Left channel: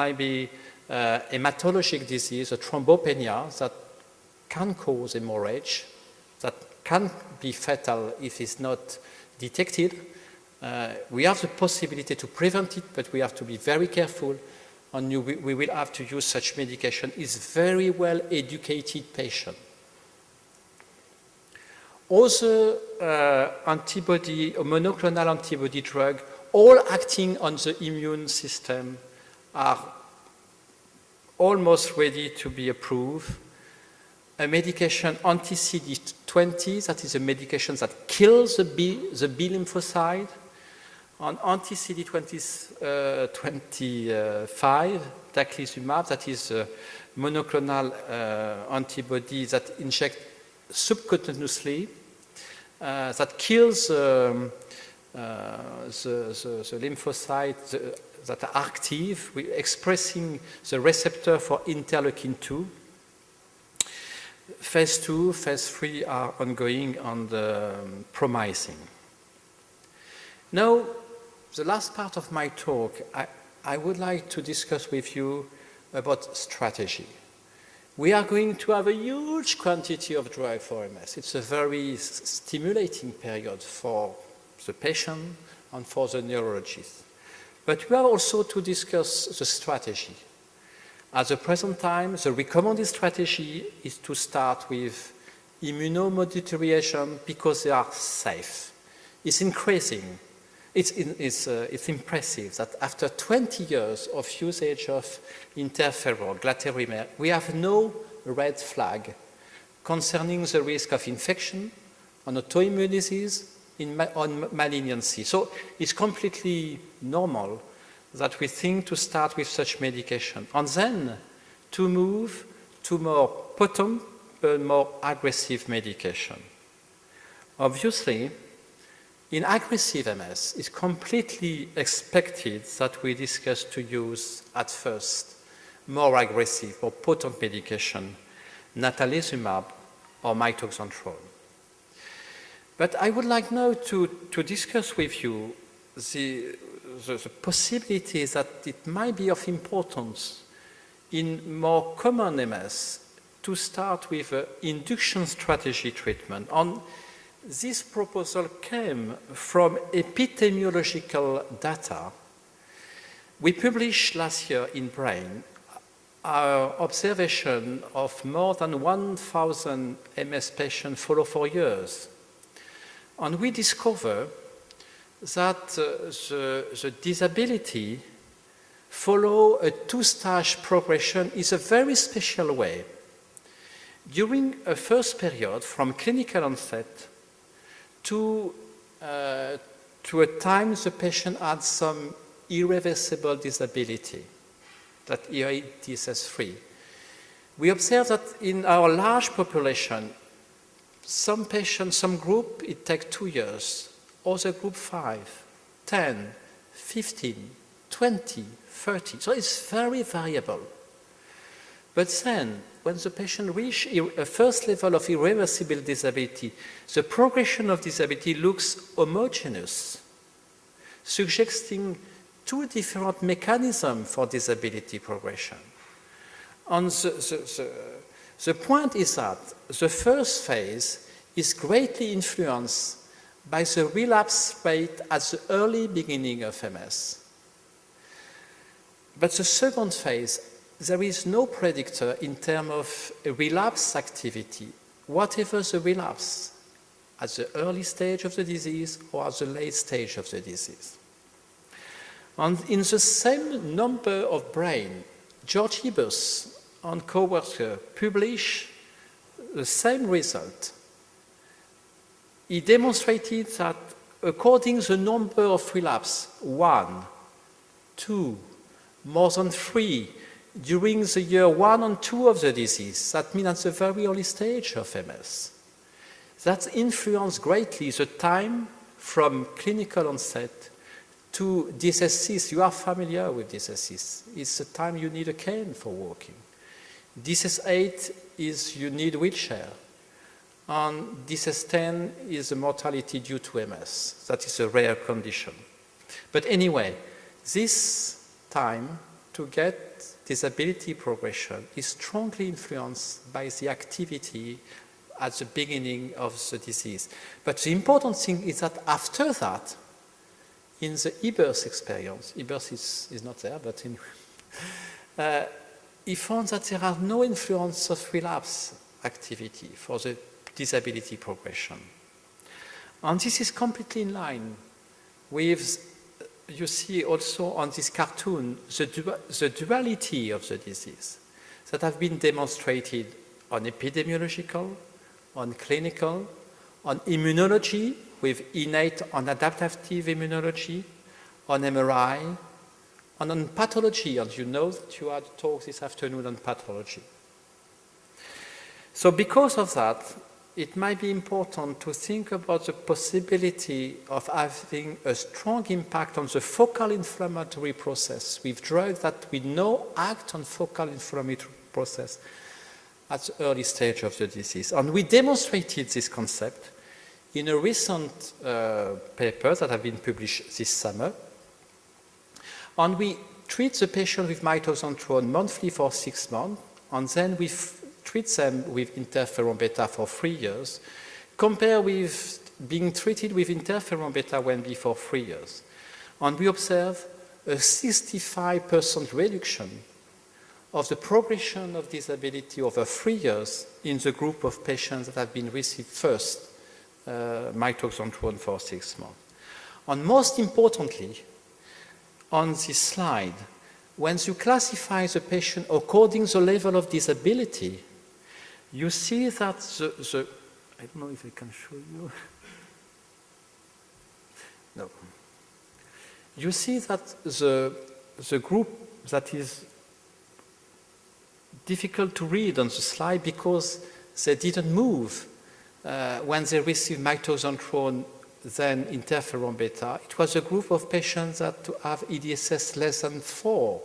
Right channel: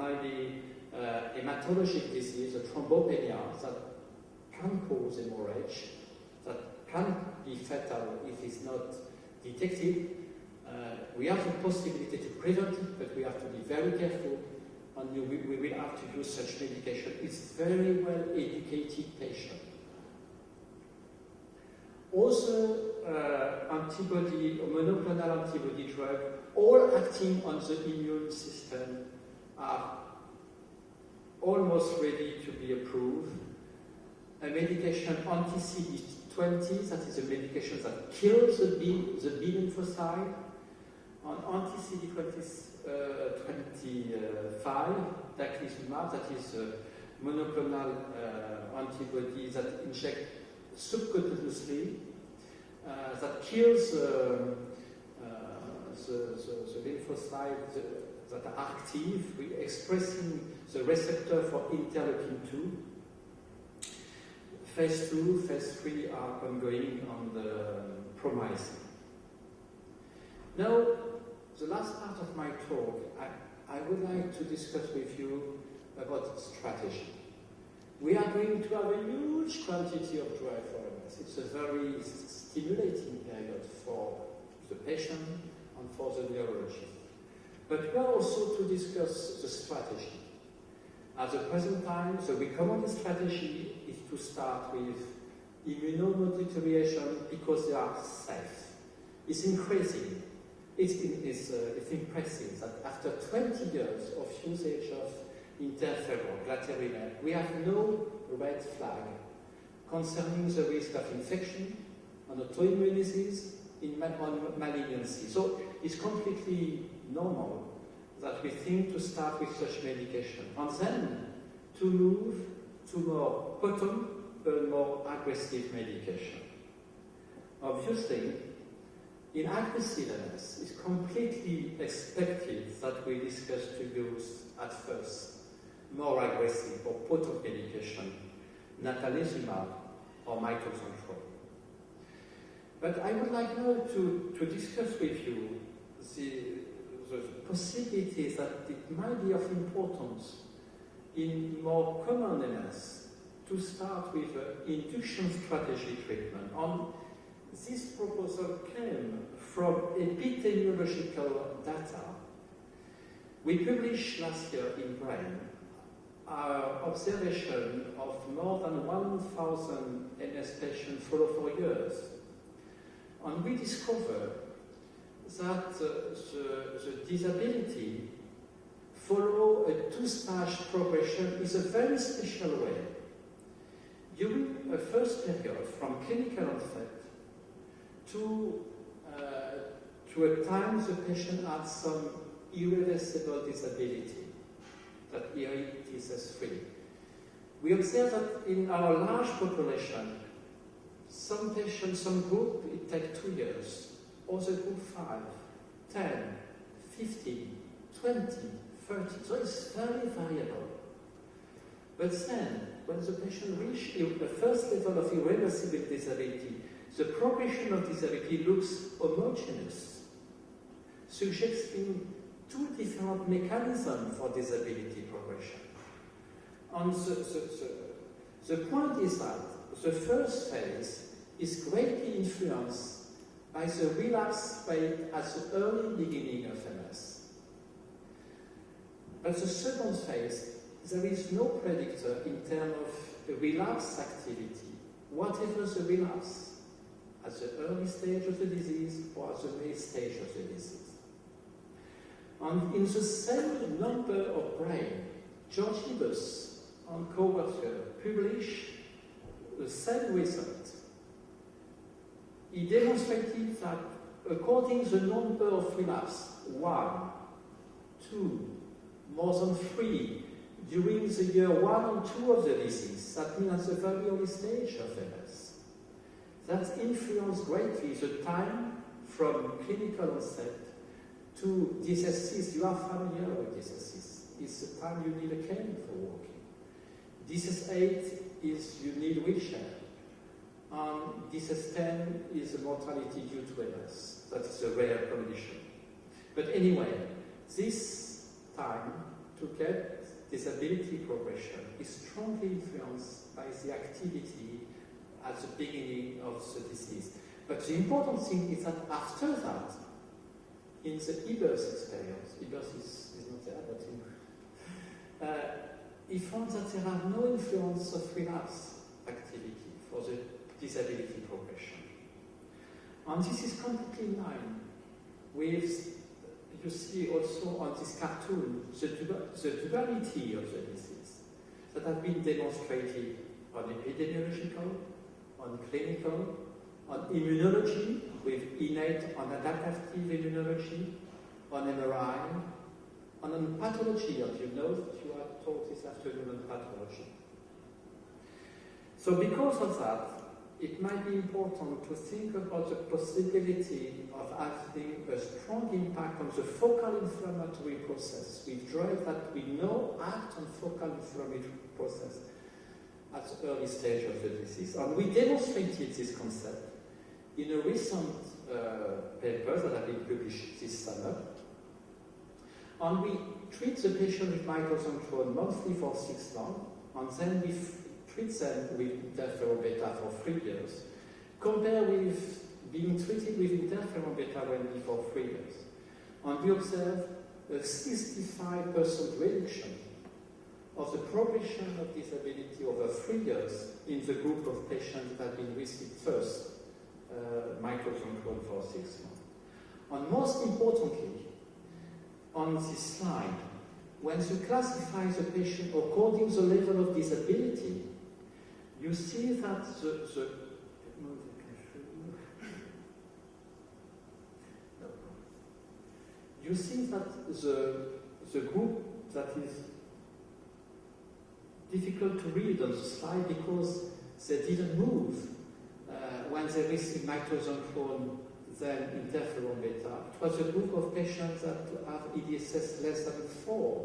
might be hematologic disease, a thrombopenia that can cause hemorrhage, that can be fatal if it's not detected. We have the possibility to prevent it, but we have to be very careful, and we will have to use such medication in very well educated patients. Also, antibody or monoclonal antibody drug, all acting on the immune system, are almost ready to be approved. A medication anti-CD20, that is a medication that kills the B lymphocyte. On anti-CD25, taclizumab, that is a monoclonal antibody that injects subcutaneously, that kills the lymphocytes that are active, expressing the receptor for interleukin-2. Phase 2, phase 3 are ongoing and promising. Now, the last part of my talk, I would like to discuss with you about strategy. We are going to have a huge quantity of drug for MS. It's a very stimulating period for the patient and for the neurologist. But we are also to discuss the strategy. At the present time, the recommended strategy is to start with immunomodulatory agents because they are safe. It's increasing. It's impressive that after 20 years of usage of interferon, glatiramer, we have no red flag concerning the risk of infection, on autoimmune disease, on malignancy. So it's completely normal that we think to start with such medication and then to move to more potent but more aggressive medication. Obviously, in aggressive MS, it's completely expected that we discuss to use at first more aggressive or potent medication, natalizumab or mitoxantrone. But I would like now to discuss with you the possibilities that it might be of importance in more common MS to start with induction strategy treatment. And this proposal came from epidemiological data. We published last year in Brain our observation of more than 1,000 MS patients followed for years. And we discovered that the disability follow a two-stage progression is a very special way. During a first period from clinical onset to a time the patient had some irreversible disability, that here it is as 3. We observe that in our large population, some patients, some group, it takes 2 years, other group 5, 10, 15, 20, 30. So it's very variable. But then, when the patient reaches a first level of irreversible disability, the progression of disability looks homogeneous, suggesting 2 different mechanisms for disability progression. And the point is that the first phase is greatly influenced by the relapse rate at the early beginning of MS. But the second phase, there is no predictor in terms of relapse activity, whatever the relapse, at the early stage of the disease or at the late stage of the disease. And in the same number of Brain, George Ebers and co-worker published the same result. He demonstrated that according to the number of relapse, 1, 2, more than 3, during the year 1 and 2 of the disease, that means at the very early stage of MS, that influenced greatly the time from clinical onset to disease. You are familiar with disease. It's the time you need a cane for walking. Disease 8 is you need wheelchair. And disease 10 is the mortality due to MS. That is a rare condition. But anyway, this time to get disability progression is strongly influenced by the activity at the beginning of the disease. But the important thing is that after that, in the e-birth experience, e-birth is not there, but anyway, he found that there are no influence of relapse activity for the disability progression. And this is completely in line with, you see also on this cartoon, the duality of the disease that have been demonstrated on epidemiological, on clinical, on immunology with innate and adaptive immunology, on MRI, and on pathology, and you know that you had a talk this afternoon on pathology. So because of that, it might be important to think about the possibility of having a strong impact on the focal inflammatory process with drugs that we know act on focal inflammatory process at the early stage of the disease. And we demonstrated this concept in a recent paper that have been published this summer. And we treat the patient with mitoxantrone monthly for 6 months, and then we treat them with interferon beta for 3 years, compared with being treated with interferon beta when before 3 years. And we observe a 65% reduction of the progression of disability over 3 years in the group of patients that have been received first mitoxantrone for 6 months. And most importantly, on this slide, when you classify the patient according to the level of disability, you see that I don't know if I can show you. No. You see that the group that is difficult to read on the slide because they didn't move when they received mitoxantrone, then interferon beta. It was a group of patients that have EDSS less than 4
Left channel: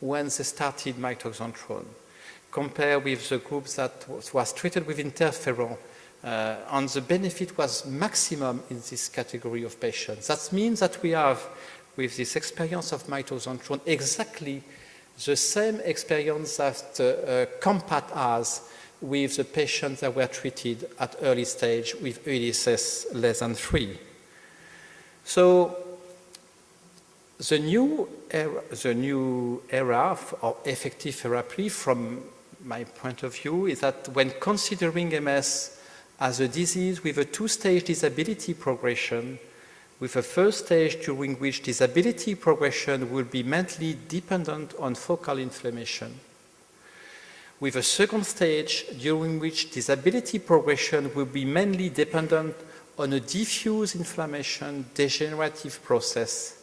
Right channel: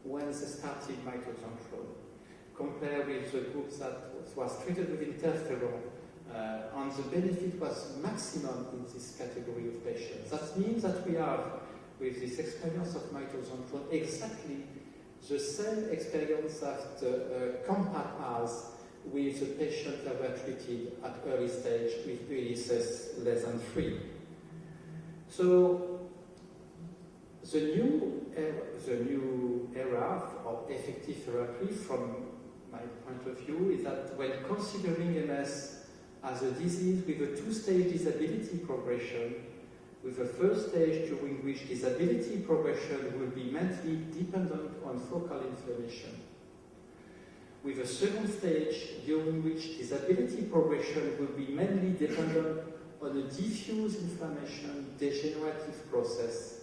when they started mitoxantrone, compared with the group that was treated with interferon, and the benefit was maximum in this category of patients. That means that we have, with this experience of mitoxantrone, exactly the same experience that COMPAT has with the patients that were treated at early stage with EDSS less than 3. So the new era of effective therapy, from my point of view, is that when considering MS as a disease with a 2-stage disability progression, with a first stage during which disability progression will be mainly dependent on focal inflammation, with a second stage during which disability progression will be mainly dependent on a diffuse inflammation degenerative process,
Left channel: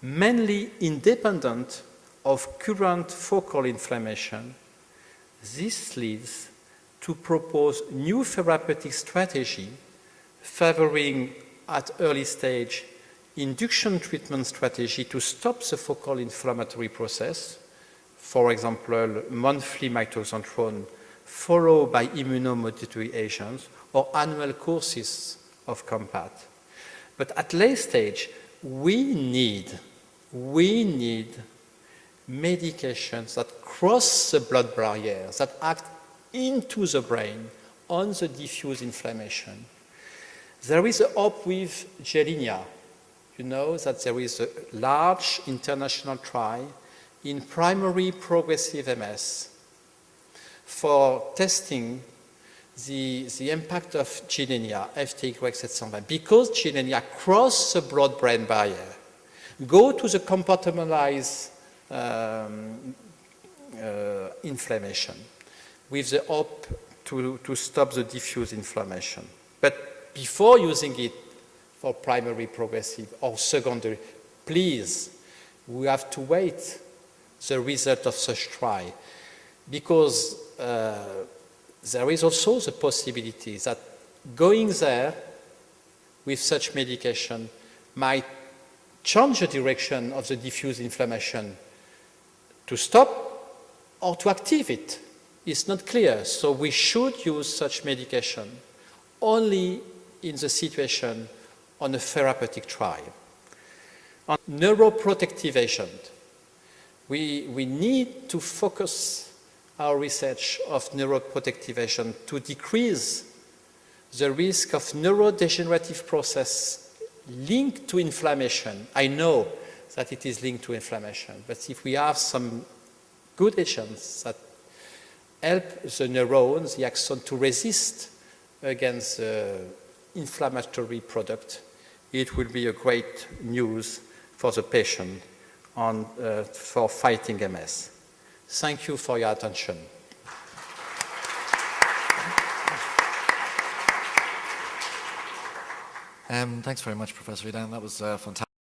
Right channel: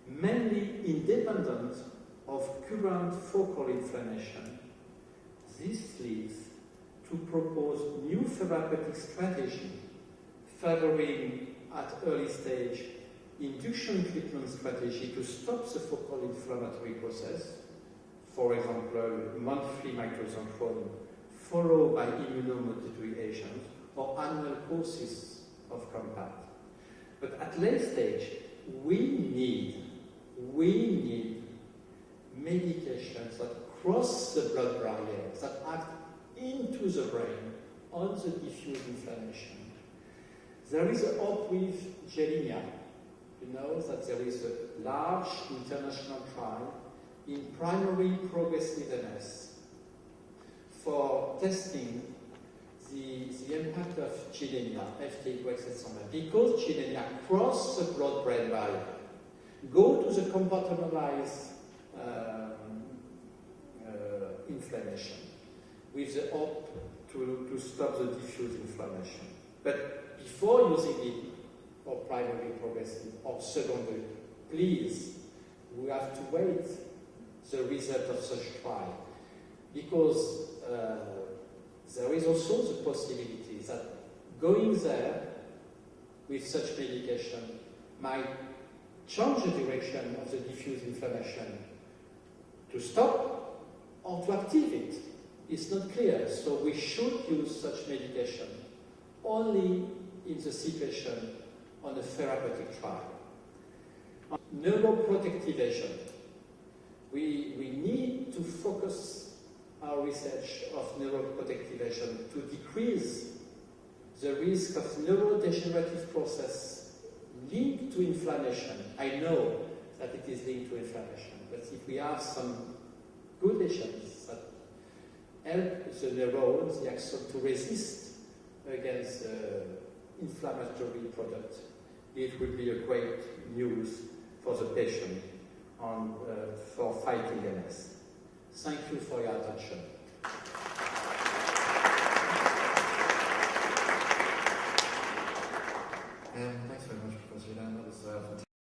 mainly independent of current focal inflammation. This leads to propose new therapeutic strategy favoring at early stage induction treatment strategy to stop the focal inflammatory process, for example, monthly mitoxantrone followed by immunomodulatory agents or annual courses of COMPAT. But at late stage, we need medications that cross the blood barrier, that act into the brain on the diffuse inflammation. There is a hope with Gilenia. You know that there is a large international trial in primary progressive MS for testing the impact of Gilenia, FTY701, because Gilenia cross the blood-brain barrier, go to the compartmentalized inflammation with the hope to stop the diffuse inflammation. But before using it for primary progressive or secondary, please, we have to wait the result of such trial, because there is also the possibility that going there with such medication might change the direction of the diffuse inflammation to stop or to active it. It's not clear. So we should use such medication only in the situation on a therapeutic trial. On neuroprotective agent, We need to focus our research of neuroprotective agent to decrease the risk of neurodegenerative process linked to inflammation. I know that it is linked to inflammation, but if we have some good agents that help the neurons, the axon, to resist against inflammatory product, it will be a great news for the patient for fighting MS. Thank you for your attention. Thanks very much, Professor Edan. That was fantastic.